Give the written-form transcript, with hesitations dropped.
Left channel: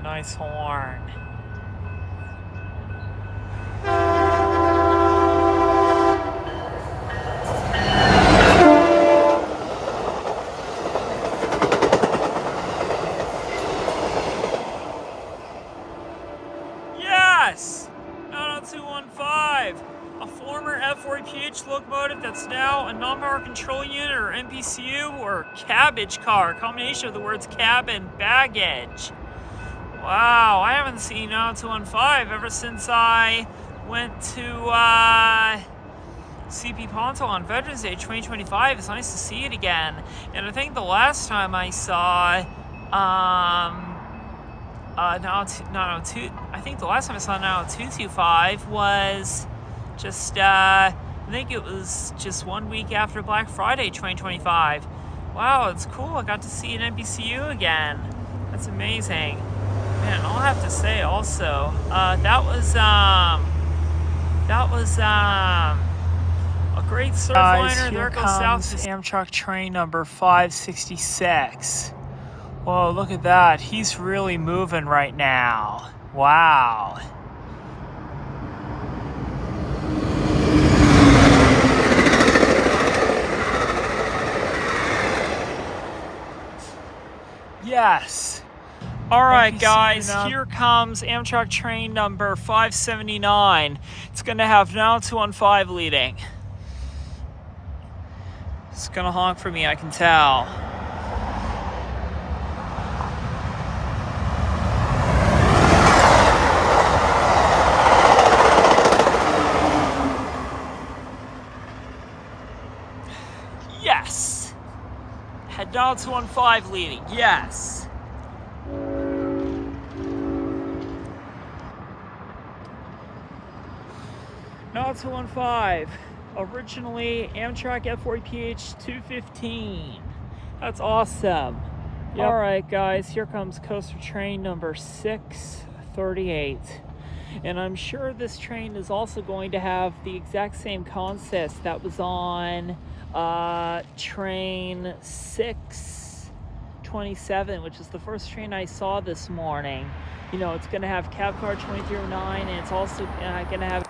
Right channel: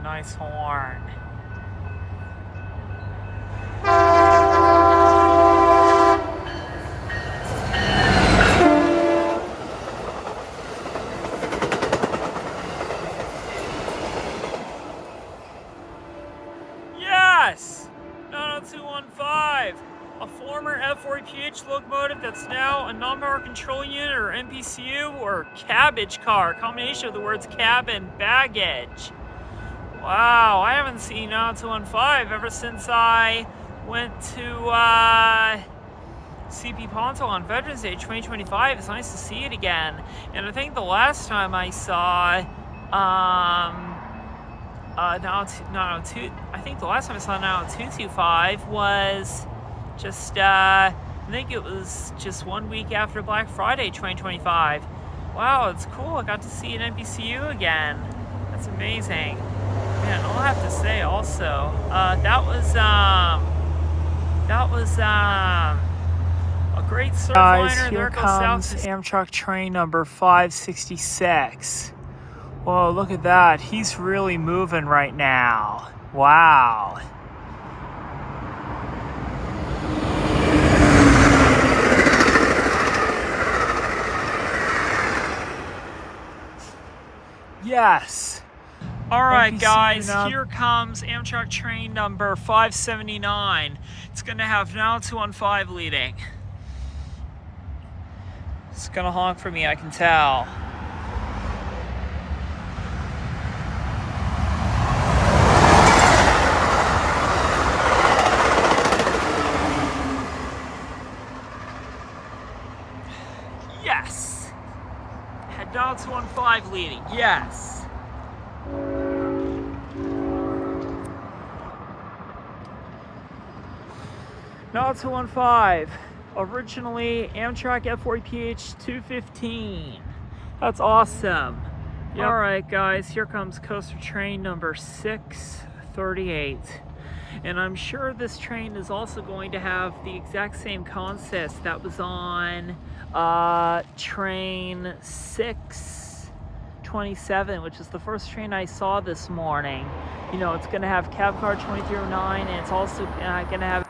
nice horn. Yes! 90215, a former F40PH locomotive that's now a non-power control unit, or NPCU, or cabbage car, a combination of the words cab and baggage. Wow, I haven't seen 90215 ever since I went to CP Ponto on Veterans Day 2025. It's nice to see it again. And I think the last time I saw I think the last time I saw 90225 was just I think it was just 1 week after Black Friday 2025. Wow, it's cool. I got to see an NPCU again. That's amazing. Man, I'll have to say also, that was a great Surfliner. There goes South Amtrak train number 566. Whoa, look at that. He's really moving right now. Wow. Yes. All right, guys, here comes Amtrak train number 579. It's going to have 90215 leading. It's going to honk for me, I can tell. Yes. Had 90215 leading. Yes. Not 215, originally Amtrak F40PH 215. That's awesome. Yep. All right, guys, here comes coaster train number 638. And I'm sure this train is also going to have the exact same concept that was on train 627, which is the first train I saw this morning. You know, it's going to have cab car 2309, and it's also going to have